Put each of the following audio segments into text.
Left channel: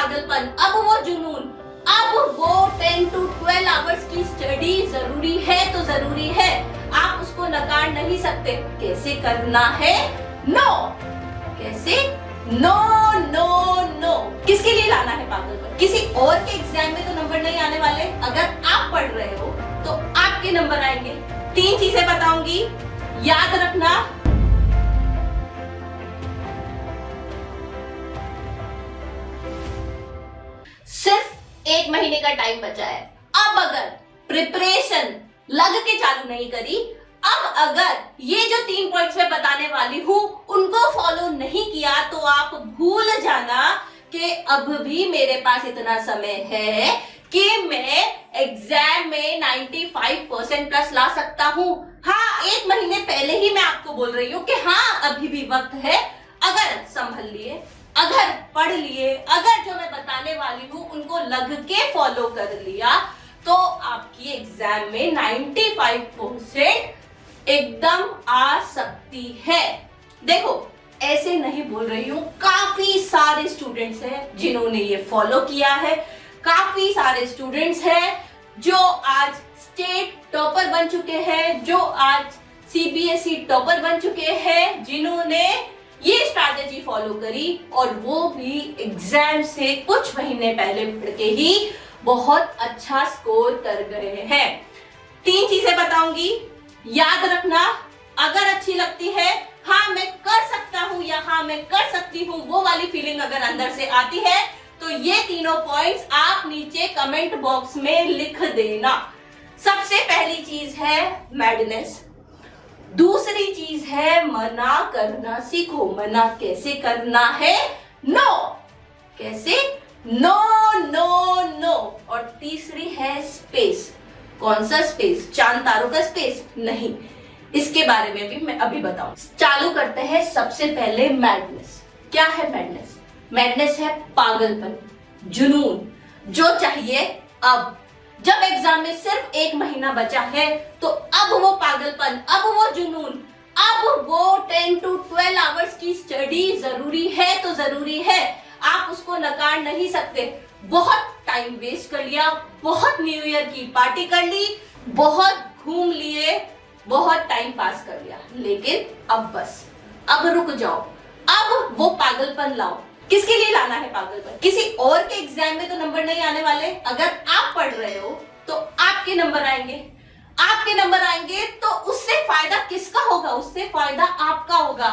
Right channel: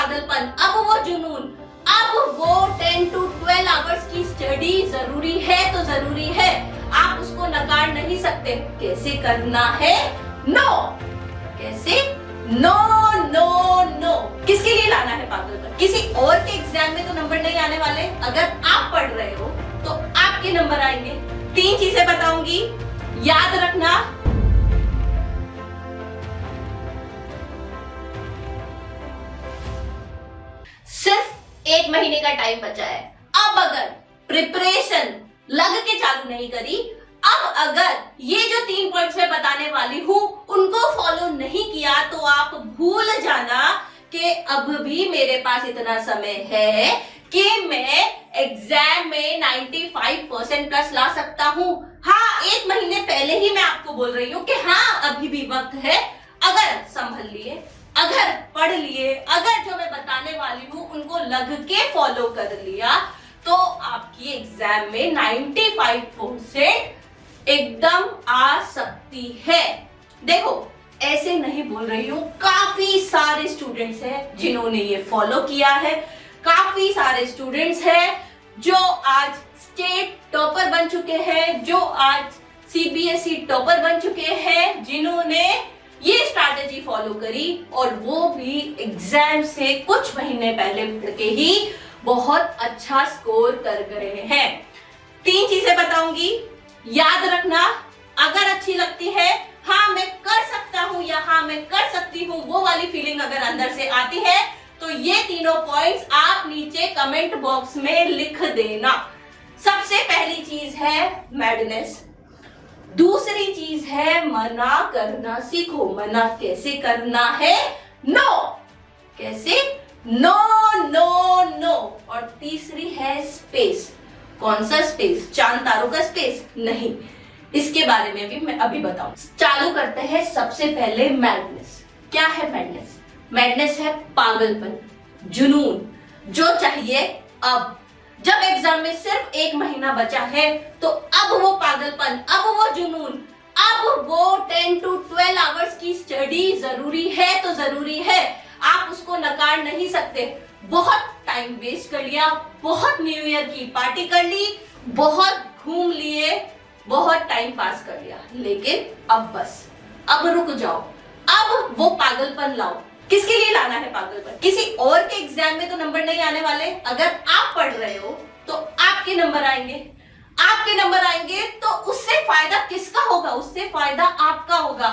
पागलपन, अब वो जुनून, अब वो 10 to 12 आवर्स की स्टडी जरूरी है तो जरूरी है, आप उसको नकार नहीं सकते। कैसे करना है? नो। कैसे? No no no. किसके लिए लाना है पागलपन? किसी और के एग्जाम में तो नंबर नहीं आने वाले। अगर आप पढ़ रहे हो तो आपके नंबर आएंगे। 3 चीजें बताऊंगी, याद रखना। सिर्फ 1 महीने का टाइम बचा है। अब अगर प्रिपरेशन लग के चालू नहीं करी, अब अगर ये जो 3 पॉइंट्स मैं बताने वाली हूं उनको फॉलो नहीं किया, तो आप भूल जाना कि अब भी मेरे पास इतना समय है कि मैं एग्जाम में 95% प्लस ला सकता हूं। हाँ, 1 महीने पहले ही मैं आपको बोल रही हूं कि हाँ, अभी भी वक्त है। अगर संभल लिए, अगर पढ़ लिए, अगर जो मैं बताने वाली हूं उनको लग के फॉलो कर लिया, तो आपकी एग्जाम में 95% एकदम आ सकती है। देखो, ऐसे नहीं बोल रही हूं, काफी सारे स्टूडेंट्स हैं जिन्होंने ये फॉलो किया है। काफी सारे स्टूडेंट्स हैं जो आज स्टेट टॉपर बन चुके हैं, जो आज सीबीएसई टॉपर बन चुके हैं, जिन्होंने ये स्ट्रैटेजी फॉलो करी और वो भी एग्जाम से कुछ महीने पहले पढ़ के ही बहुत अच्छा स्कोर कर गए हैं। 3 चीजें बताऊंगी, याद रखना। अगर अच्छी लगती है, हाँ मैं कर सकता हूं या हाँ मैं कर सकती हूं, वो वाली फीलिंग अगर अंदर से आती है, तो ये तीनों पॉइंट्स आप नीचे कमेंट बॉक्स में लिख देना। सबसे पहली चीज है मैडनेस। दूसरी चीज है मना करना सीखो। मना कैसे करना है? नो। कैसे? No no no. और तीसरी है स्पेस। कौन सा स्पेस? चांद तारों का स्पेस? नहीं, इसके बारे में भी मैं अभी बताऊं। चालू करते हैं सबसे पहले मैडनेस। क्या है मैडनेस? मैडनेस है पागलपन, जुनून, जो चाहिए अब। जब एग्जाम में सिर्फ 1 महीना बचा है, तो अब वो पागलपन, अब वो जुनून, अब वो 10 to 12 आवर्स की स्टडी जरूरी है तो जरूरी है, आप उसको नकार नहीं सकते। बहुत टाइम वेस्ट कर लिया, बहुत न्यू ईयर की पार्टी कर ली, बहुत घूम लिए, बहुत टाइम पास कर लिया, लेकिन अब बस, अब रुक जाओ, अब वो पागलपन लाओ। किसके लिए लाना है पागलपन? किसी और के एग्जाम में तो नंबर नहीं आने वाले। अगर आप पढ़ रहे हो तो आपके नंबर आएंगे। आपके नंबर आएंगे तो उससे फायदा किसका होगा? उससे फायदा आपका होगा।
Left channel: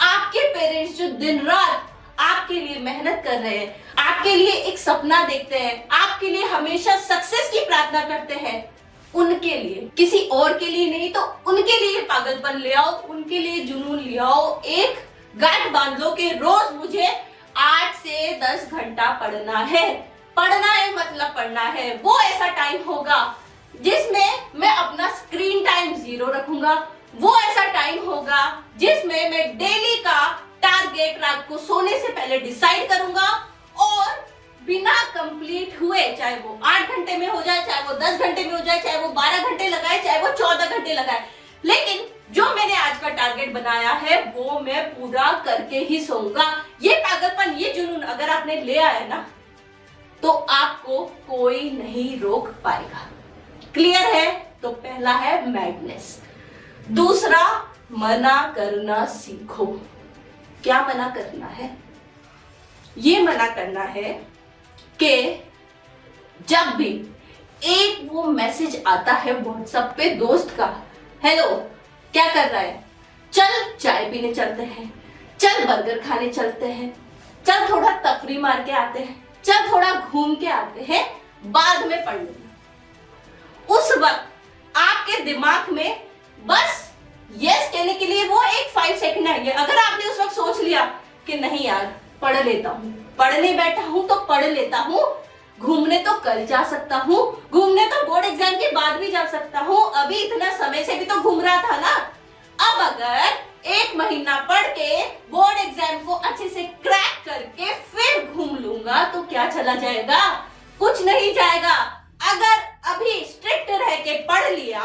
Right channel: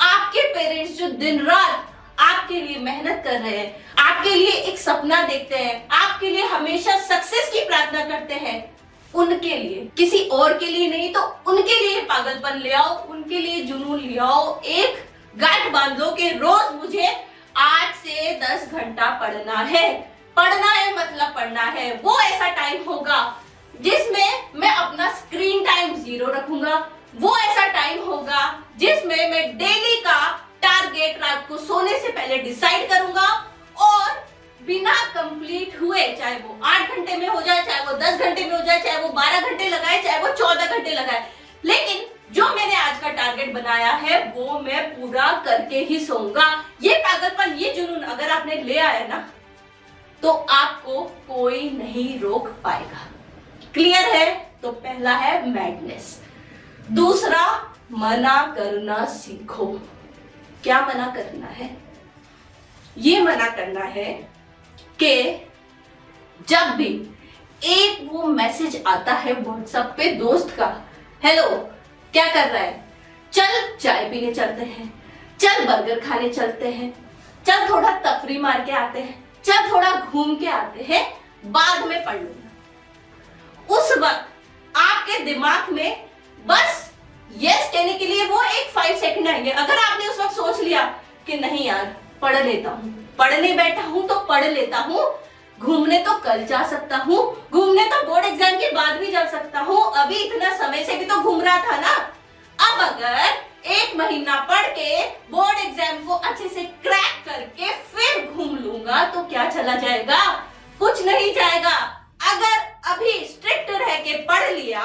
आपके पेरेंट्स जो दिन रात आपके लिए मेहनत कर रहे हैं, आपके लिए एक सपना देखते हैं, आपके लिए हमेशा सक्सेस की प्रार्थना करते हैं, उनके लिए, किसी और के लिए नहीं, तो उनके लिए पागलपन ले आओ, उनके लिए जुनून ले आओ। एक गांठ बांध लो कि रोज मुझे 8 से 10 घंटा पढ़ना है। पढ़ना है मतलब पढ़ना है। वो ऐसा टाइम होगा जिसमें मैं अपना स्क्रीन टाइम 0 रखूंगा। वो ऐसा टाइम होगा जिसमें मैं डेली का टारगेट रात को सोने से पहले डिसाइड करूंगा, और बिना कंप्लीट हुए, चाहे वो 8 घंटे में हो जाए, चाहे वो 10 घंटे में हो जाए, चाहे वो 12 घंटे लगाए, चाहे वो 14 घंटे लगाए, लेकिन जो मैंने आज का टारगेट बनाया है वो मैं पूरा करके ही सोऊंगा। ये पागलपन, ये जुनून अगर आपने ले आया ना, तो आपको कोई नहीं रोक पाएगा। क्लियर है? तो पहला है मैडनेस। दूसरा, मना करना सीखो। क्या मना करना है? ये मना करना है कि जब भी एक वो मैसेज आता है व्हाट्सएप पे दोस्त का, हेलो क्या कर रहा है, चल चाय पीने चलते हैं, चल बर्गर खाने चलते हैं, चल थोड़ा तफरी मार के आते हैं, चल थोड़ा घूम के आते हैं, बाद में पढ़ लूंगा। उस वक्त आपके दिमाग में बस यस कहने के लिए वो एक 5 सेकंड आएंगे। अगर आपने उस वक्त सोच लिया कि नहीं यार पढ़ लेता हूं, पढ़ने बैठा हूं तो पढ़ लेता हूं, घूमने तो कल जा सकता हूँ, घूमने तो बोर्ड एग्जाम के बाद भी जा सकता हूँ, अभी इतना समय से भी तो घूम रहा था ना। अब अगर 1 महीना पढ़ के बोर्ड एग्जाम को अच्छे से क्रैक करके फिर घूम लूंगा, तो क्या चला जाएगा? कुछ नहीं जाएगा। अगर अभी स्ट्रिक्ट रह के पढ़ लिया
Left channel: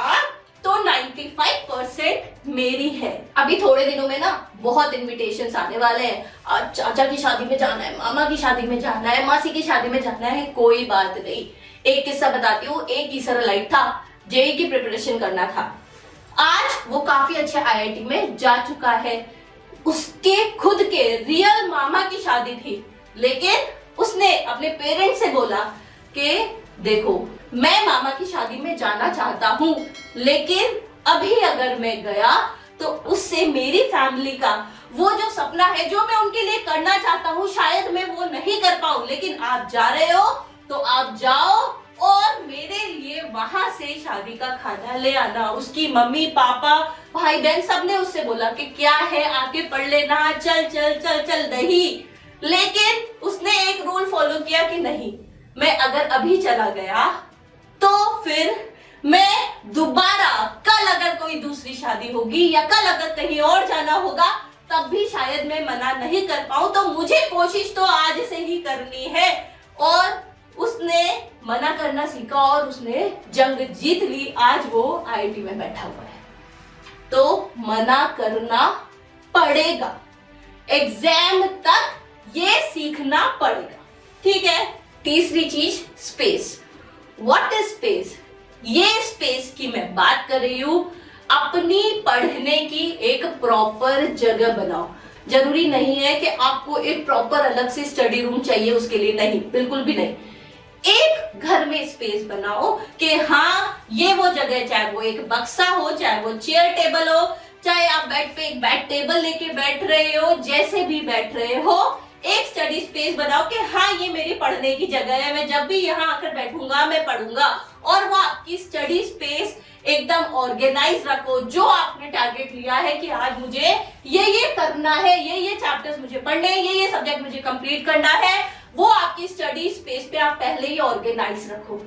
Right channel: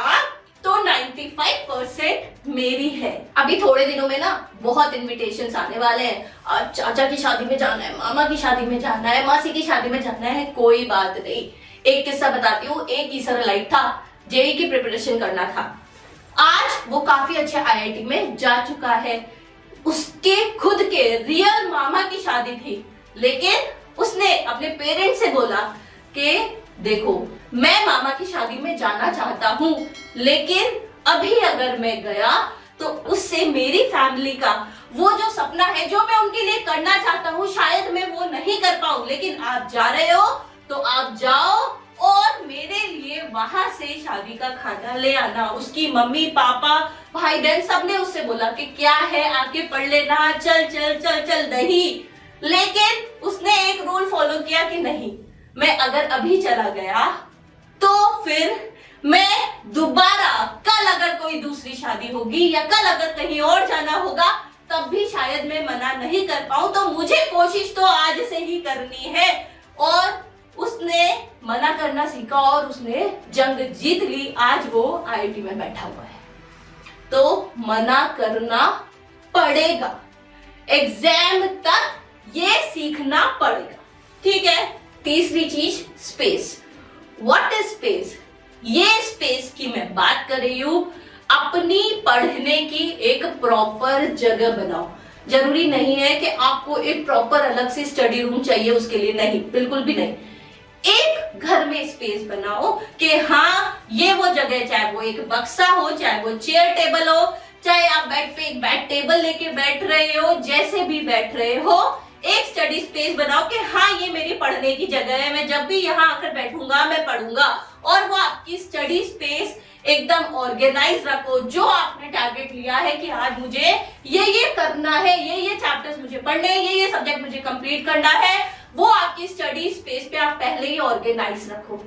तो 95% मेरी है। अभी थोड़े दिनों में ना बहुत इनविटेशंस आने वाले हैं। चाचा की शादी में जाना है, मामा की शादी में जाना है, मासी की शादी में जाना है। कोई बात नहीं, एक किस्सा बताती हूँ। एक इसराइलाइट था, जेई की प्रिपरेशन करना था। आज वो काफी अच्छे आईआईटी में जा चुका है। उसके खुद के रियल मामा की शादी थी, लेकिन उसने अपने पेरेंट्स से बोला कि देखो, मैं मामा की शादी में जाना चाहता हूँ, लेकिन अभी अगर मैं गया तो उससे मेरी फैमिली का वो जो सपना है, जो मैं उनके लिए करना चाहता हूँ, शायद मैं वो नहीं कर पाऊं। लेकिन आप जा रहे हो तो आप जाओ और मेरे लिए वहां से शादी का खाना ले आना। उसकी मम्मी पापा भाई बहन सबने उससे बोला कि क्या है, आके पढ़ लेना, चल चल चल चल नहीं। लेकिन उसने एक रूल फॉलो किया कि नहीं, मैं अगर अभी चला गया तो फिर मैं दोबारा कल अगर कोई दूसरी शादी होगी या कल अगर कहीं और जाना होगा तब भी शायद मैं मना नहीं कर पाऊं। तो मुझे कोशिश तो आज से ही करनी है। और उसने मना करना सीखा और उसने जंग जीत ली। आज वो आईआईटी में बैठा हुआ है। तो मना करना पड़ेगा, एग्जाम तक ये सीखना पड़ेगा, ठीक है। तीसरी चीज, स्पेस। What is space? ये स्पेस की मैं बात कर रही हूं। अपनी पढ़ने की एक प्रॉपर जगह बनाओ। जरूरी नहीं है कि आपको एक प्रॉपर अलग से स्टडी रूम चाहिए उसके लिए, नहीं, बिल्कुल भी नहीं। एक घर में स्पेस बनाओ कि हाँ, ये वो जगह, चाहे वो एक बक्सा हो, चाहे वो चेयर टेबल हो, चाहे आप बेड पे एक बेड टेबल लेके बैठ रहे हो, जैसे भी बैठ रहे हो, एक स्टडी स्पेस बनाओ कि हाँ, ये मेरी पढ़ने की जगह है, मैं जब भी यहाँ आकर बैठूंगा मैं पढ़ूंगा। और वो आपकी स्टडी स्पेस एकदम ऑर्गेनाइज रखो। जो आपने टारगेट लिया है कि आज मुझे ये करना है, ये चैप्टर्स मुझे पढ़ने हैं, ये सब्जेक्ट मुझे कंप्लीट करना है, वो आपकी स्टडी स्पेस पे आप पहले ही ऑर्गेनाइज रखो।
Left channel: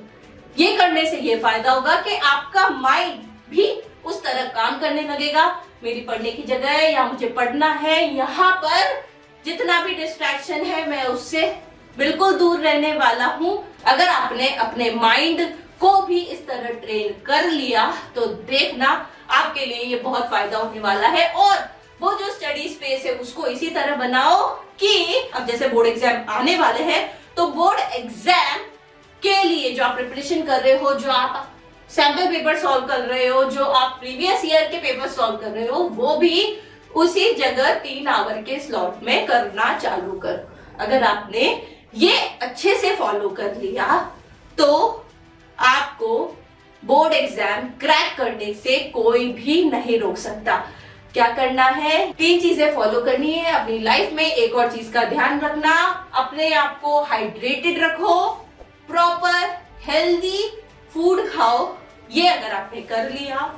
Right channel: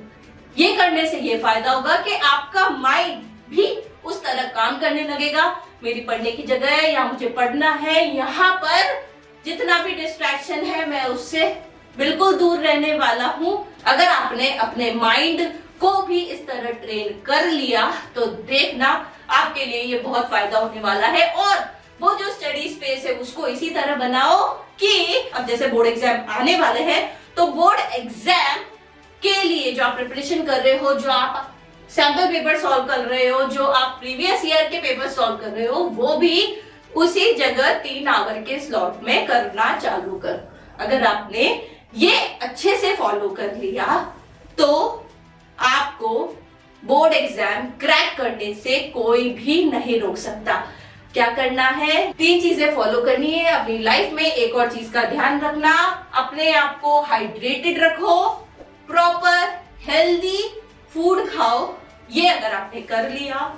ये करने से ये फायदा होगा कि आपका माइंड भी उस तरह काम करने लगेगा। मेरी पढ़ने की जगह है, या मुझे पढ़ना है, यहाँ पर जितना भी डिस्ट्रैक्शन है मैं उससे बिल्कुल दूर रहने वाला हूँ। अगर आपने अपने माइंड को भी इस तरह ट्रेन कर लिया तो देखना आपके लिए ये बहुत फायदा होने वाला है। और वो जो स्टडी स्पेस है उसको इसी तरह बनाओ कि अब जैसे बोर्ड एग्जाम आने वाले हैं, तो बोर्ड एग्जाम के लिए जो आप प्रिपरेशन कर रहे हो, जो आप सैंपल पेपर सॉल्व कर रहे हो, जो आप प्रीवियस ईयर के पेपर सॉल्व कर रहे हो, वो भी उसी जगह 3 आवर के स्लॉट में करना चालू कर। अगर आपने ये अच्छे से फॉलो कर लिया तो आपको बोर्ड एग्जाम क्रैक करने से कोई भी नहीं रोक सकता। क्या करना है? 3 चीजें फॉलो करनी है अपनी लाइफ में। एक और चीज का ध्यान रखना, अपने आप को हाइड्रेटेड रखो, प्रॉपर हेल्दी फूड खाओ। ये अगर आपने कर लिया,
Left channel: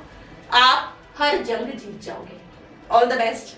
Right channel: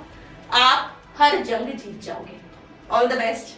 आप हर जंग जीत जाओगे। All the best.